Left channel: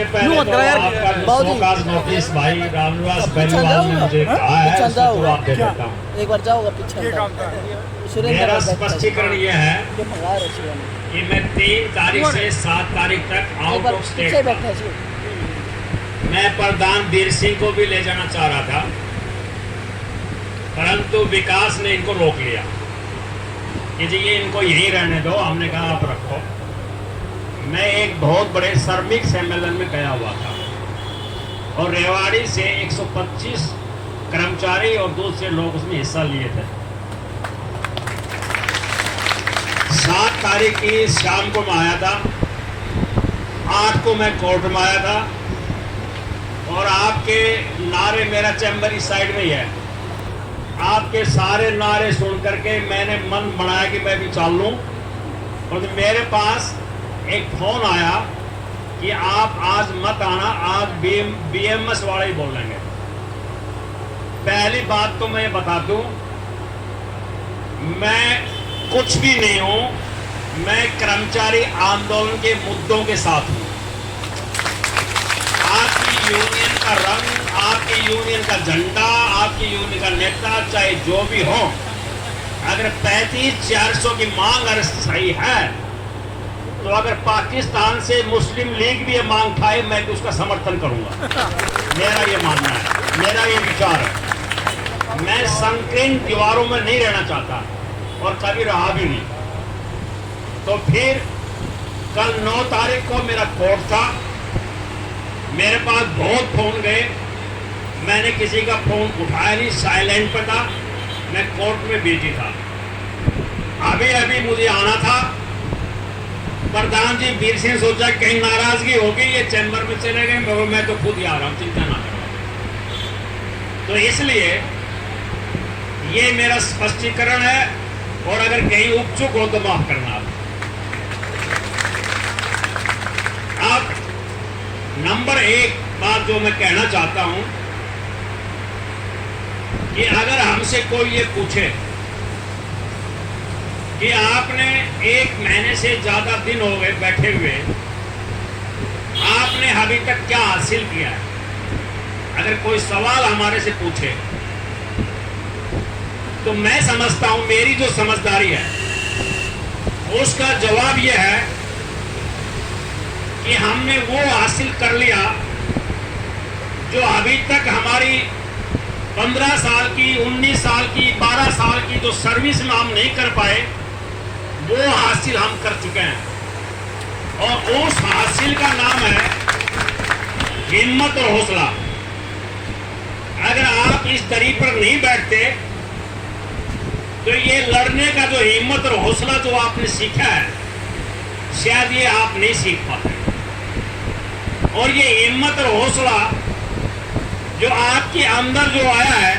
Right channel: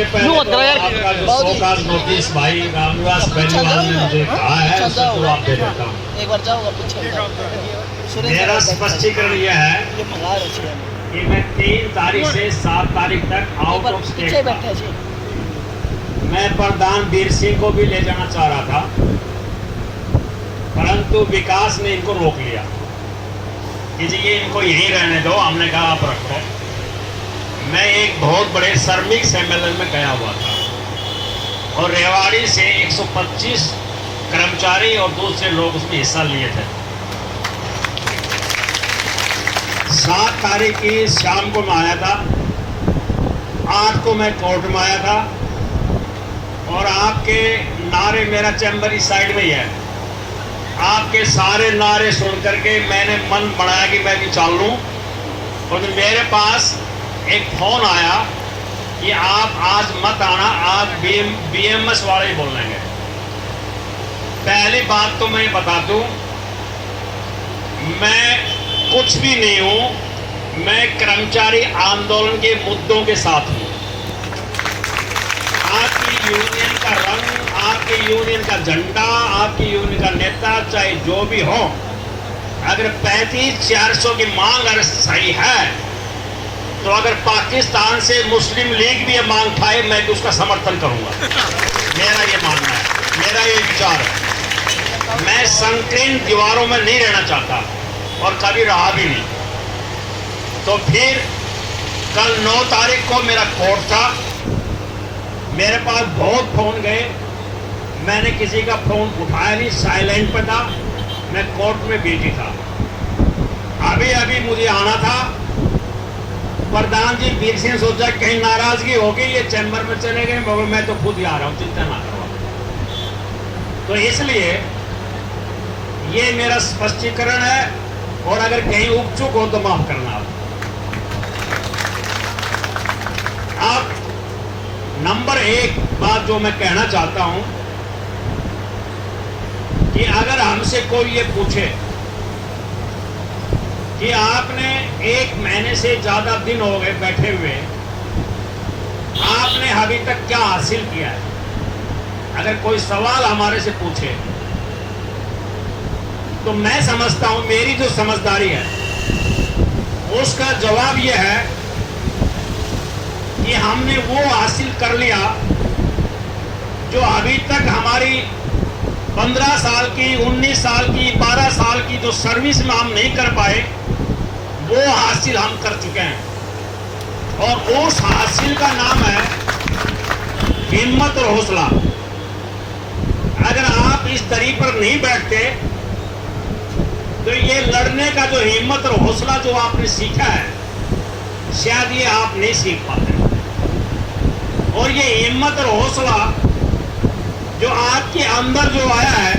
सबसे पहले तो आपका जो शोकाज नोटिस भाई रामनिवास बेनीवाल ने मुझे कहा है उसका जवाब दे देता हूँ। एक बार जाओ पीछे। मेरा स्पष्टीकरण यह है कि मैं 3 तारीख से 7 तारीख तक आउट ऑफ स्टेट था। मैं प्रधान वीर सिंह को भी ले जाना चाह रहा था, परंतु विकास ने इनको रोक लिया कि जी ये इनको यहीं रहने दो। हमने कहा आप रखो। मैं एक बहुत बड़े श्रमिक सम्मेलन में गया हुआ था और रेवाड़ी से 125 कर्मचारी और दूसरे लोग उसमें हिस्सा लिए थे। 7 तारीख की शाम को मैं आया था, 8 को मैं कोर्ट में आया था और आपके नारे, मेरा चैम्बर इस साइड में ही है, आपके सारे नारे सुन करके मैंने मन बनाया कि मैं भी चाल लूं। और मेरे पास एक फोन आया कि आप आज मत आना, आज बीएमएस वाले ही बोल लेंगे। पहली बात तो मैं बता दूं, मैं कुछ भी नहीं हूं, मैं कर्मचारी आंदोलन के मुद्दों के साथ हूं। आपकी यूनियन का रंग, आपकी यूनियन का झंडा, आपकी यूनियन का नेता चाहे जो भी हो, अगर 35-400 की मांग अगर सही है तो अगर पाकिस्तान से मुस्लिम लीग भी ये मांग उठाए मैं तो उसका समर्थन करूंगा। मेरा ये मानना है, मेरा ये विचार है। मैं संकीर्ण दीवारों में नहीं रहना चाहता और कभी रहा भी नहीं। तो फिर कल 9 तारीख को मेरा कोर्ट था, मेरे पास बहुत फोन गए, मैंने किसी का फोन उठाया नहीं, साइलेंट पे था। मैं कोर्ट में बिजी था। अभी अभी मुझे आना था, प्रधान जी वीर सिंह सोचा कहीं नाराजगी होगी, ये चैम्बर में चले गए, मगर मैं तो खुद ही आ रहा हूं, चिंता ना करो। तो इसलिए ये मेरा स्पष्टीकरण है और अगर कहीं उपचुक हो तो माफ करना। आप नंबर 1 बात जो मैं कहना चाहता हूं कि अगर हमसे कोई ये पूछे कि आपने 1 महीने से ज्यादा दिन हो गए बैठे हुए, आपने अभी तक क्या हासिल किया है, अगर कोई सवाल हमारे से पूछे तो मैं समझता हूं मेरी जो समझदारी है उसका जवाब यह है कि हमने वो हासिल कर लिया जो अभी तक हमारी 15 साल की, 19 साल की, 12 साल की जो सर्विस में हम नहीं कर पाए, वो हासिल हम कर चुके हैं। और उस हासिल का नाम है हिम्मत और हौसला। अगर आप इस दरी पर नहीं बैठते तो ये लड़ने का जो हिम्मत और हौसला जो आपने सीखा है, शायद ये आप नहीं सीख पाते। और ये हिम्मत और हौसला जो आपके अंदर जो आया है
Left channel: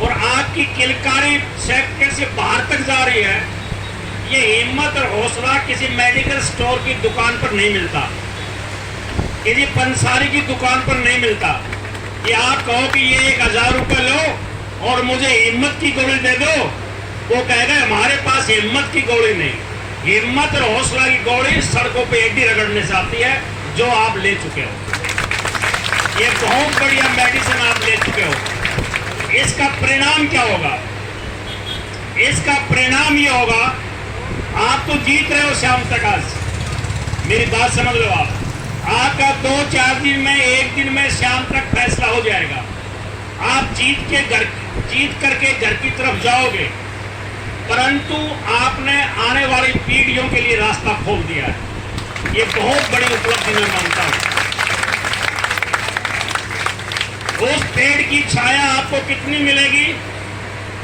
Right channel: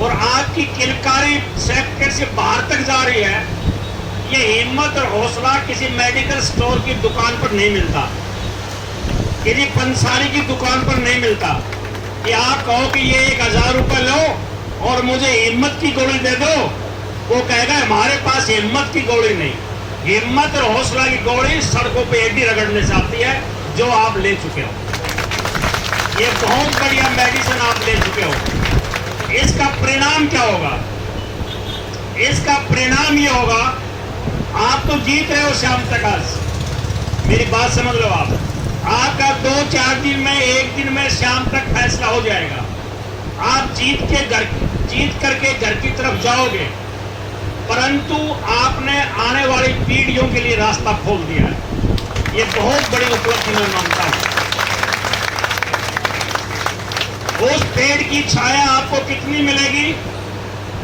और आपकी किलकारी सेक्टर से बाहर तक जा रही है, ये हिम्मत और हौसला किसी मेडिकल स्टोर की दुकान पर नहीं मिलता, किसी पंसारी की दुकान पर नहीं मिलता कि आप कहो कि ये 1000 रुपए लो और मुझे हिम्मत की गोली दे दो, वो कहेगा हमारे पास हिम्मत की गोली नहीं। हिम्मत और हौसला की गोली सड़कों पे एडी रगड़ने से आती है, जो आप ले चुके हो। ये बहुत बढ़िया मेडिसिन आप ले चुके हो। इसका परिणाम क्या होगा? इसका परिणाम ये होगा, आप तो जीत रहे हो शाम तक। आज मेरी बात समझ लो, आपका 2-4 दिन में, 1 दिन में शाम तक फैसला हो जाएगा। आप जीत करके घर की तरफ जाओगे, परंतु आपने आने वाली पीढ़ियों के लिए रास्ता खोल दिया है। ये बहुत बड़ी उपलब्धि मैं मानता हूं। उस पेड़ की छाया आपको कितनी मिलेगी,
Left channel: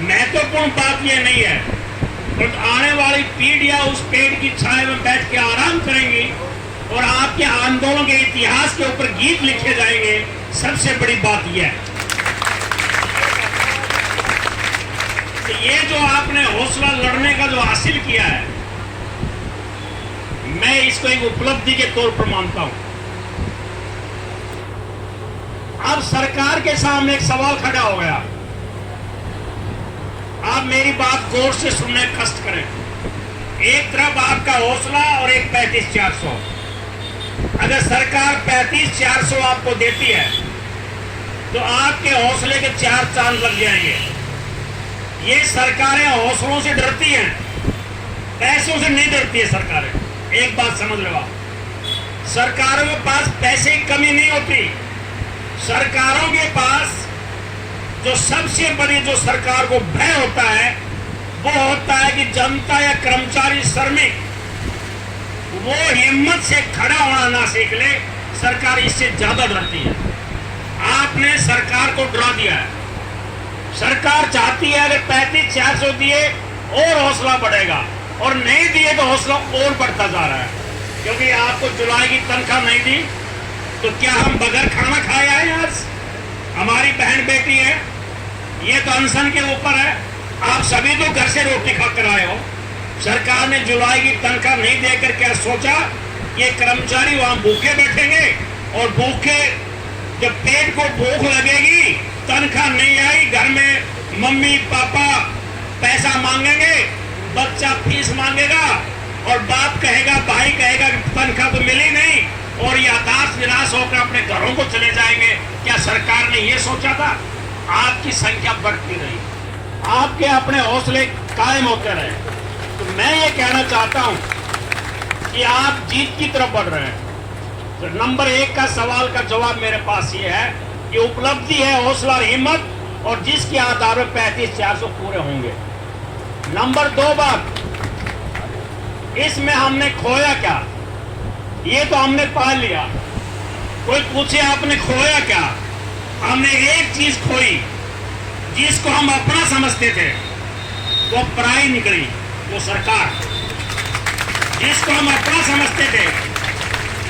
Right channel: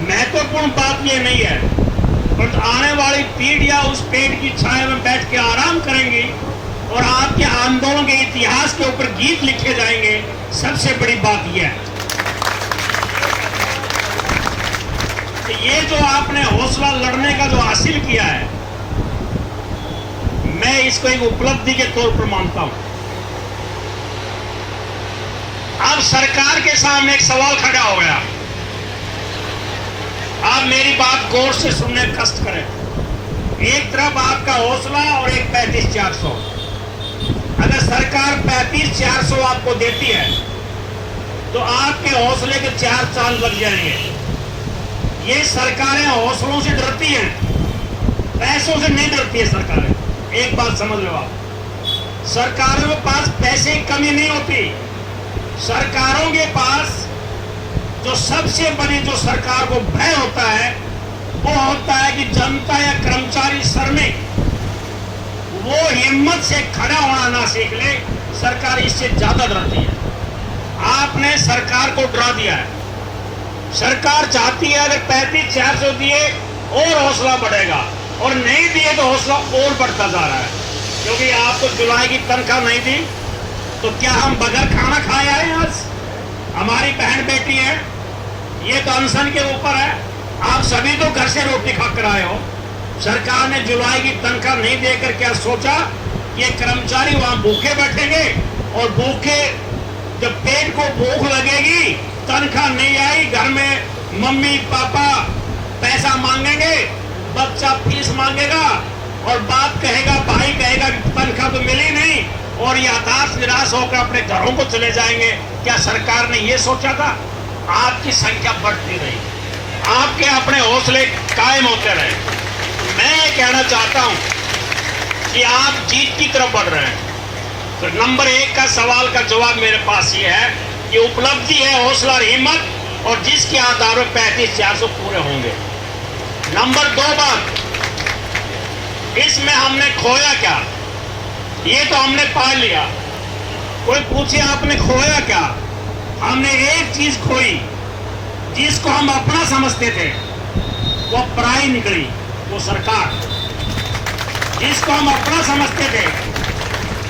महत्वपूर्ण बात यह नहीं है, पर आने वाली पीढ़ियां उस पेड़ की छाया में बैठ के आराम करेंगी और आपके आंदोलन के इतिहास के ऊपर गीत लिखे जाएंगे। सबसे बड़ी बात यह है कि ये जो आपने हौसला लड़ने का जो हासिल किया है, मैं इसको एक उपलब्धि के तौर पर मानता हूं। अब सरकार के सामने एक सवाल खड़ा हो गया। आप मेरी बात गौर से सुनने का कष्ट करें। एक तरफ आपका हौसला और एक 35-400। अगर सरकार 35,400 आपको देती है तो आपके हौसले के 4 चांद लग जाएंगे। ये सरकारें हौसलों से डरती हैं, पैसों से नहीं डरती है सरकारें। एक बात समझ लो आप, सरकारों के पास पैसे की कमी नहीं होती। सरकारों के पास जो सबसे बड़ी जो सरकार को भय होता है वो होता है कि जनता या कर्मचारी श्रमिक वो हिम्मत से खड़ा होना ना सीख ले, सरकार इससे ज्यादा डरती है। आपने सरकार को डरा दिया है। सरकार चाहती है अगर 35,400 दिए और हौसला बढ़ेगा, और नहीं दिए तो हौसला और बढ़ता जा रहा है। क्योंकि आपको जुलाई की तनख्वाह नहीं दी तो क्या हम बगैर खाना खाए आए? आज हमारी बहन बेटी है, ये तो अनशन के ऊपर है। आप सभी तो घर से रोटी खाकर आए हो। सरकार ने जुलाई की तनख्वाह नहीं देकर क्या सोचा कि ये कर्मचारी वहां भूखे बैठेंगे, और भूखे जब पेट को भूख लगेगी, तनख्वाह नहीं आई, घर में मम्मी पापा पैसा मांगेंगे, बच्चा फीस मांगेगा, और बाप कहेगा, भाई कहेगा तनख्वाह तो मिली नहीं, और ये हताश निराश होकर अपने घरों को चले जाएंगे। क्या सरकार ने ये सोचा था? आपकी संख्या बढ़ती रही, आपके अपने हौसले कायम होते रहे। तो मैं ये कहना चाहता हूं कि आप जीत की तरफ बढ़ रहे हैं। तो नंबर 1 का सवाल का जवाब मेरे पास ये है कि उपलब्धि है, हौसला और हिम्मत, और जिसके आधार पर 35,400 पूरे होंगे। नंबर 2 बात, इसमें हमने खोया क्या? ये तो हमने पा लिया। कोई पूछे आपने खोया क्या? हमने एक चीज खोई जिसको हम अपना समझते थे, वो पराई निकली, वो सरकार। जिसको हम अपना समझते थे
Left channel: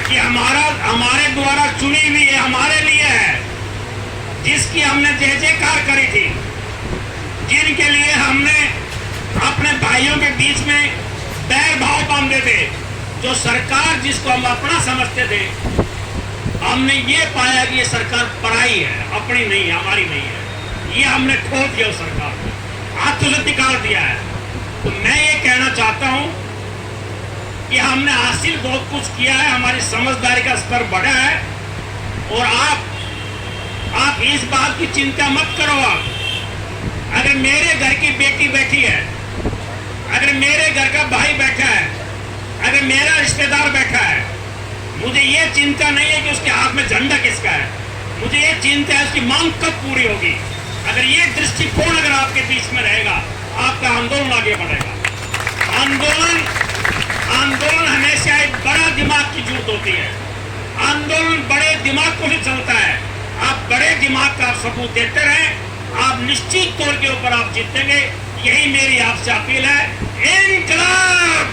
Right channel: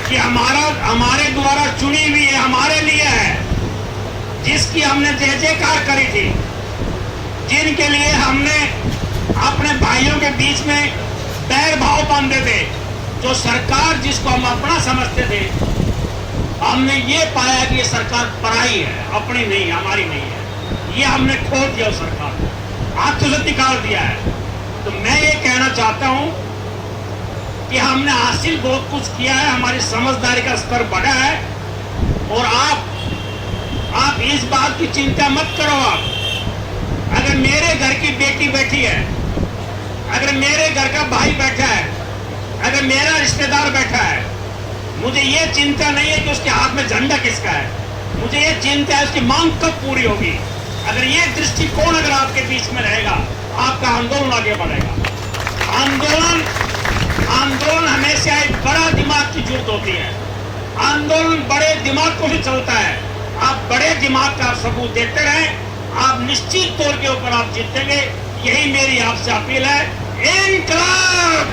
कि हमारे द्वारा चुनी हुई है, हमारे लिए है, जिसकी हमने जय जयकार करी थी, जिनके लिए हमने अपने भाइयों के बीच में बैर भाव बांधे थे, जो सरकार जिसको हम अपना समझते थे, हमने ये पाया कि ये सरकार पराई है, अपनी नहीं है, हमारी नहीं है। ये हमने खो दिया उस सरकार को, हाथों से निकाल दिया है। तो मैं ये कहना चाहता हूं कि हमने हासिल बहुत कुछ किया है, हमारी समझदारी का स्तर बढ़ा है, और आप इस बात की चिंता मत करो। आप अगर मेरे घर की बेटी बैठी है, अगर मेरे घर का भाई बैठा है, अगर मेरा रिश्तेदार बैठा है, मुझे ये चिंता नहीं है कि उसके हाथ में झंडा किसका है, मुझे ये चिंता है उसकी मांग कब पूरी होगी। अगर ये दृष्टिकोण अगर आपके बीच में रहेगा, आपका आंदोलन आगे बढ़ेगा। आंदोलन हमेशा एक बड़ा दिमाग की जरूरत होती है। आंदोलन बड़े दिमाग को ही चलता है। आप बड़े दिमाग का सबूत देते रहें, आप निश्चित तौर के ऊपर आप जीतेंगे। यही मेरी आपसे अपील है। इनकलाब!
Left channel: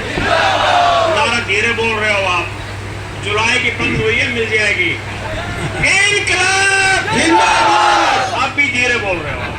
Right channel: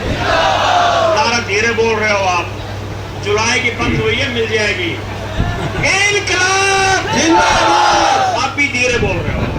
नारा धीरे बोल रहे हो आप, जुलाई की बंद हुई है, मिल जाएगी। इनकलाब! आप भी धीरे बोल रहे हो।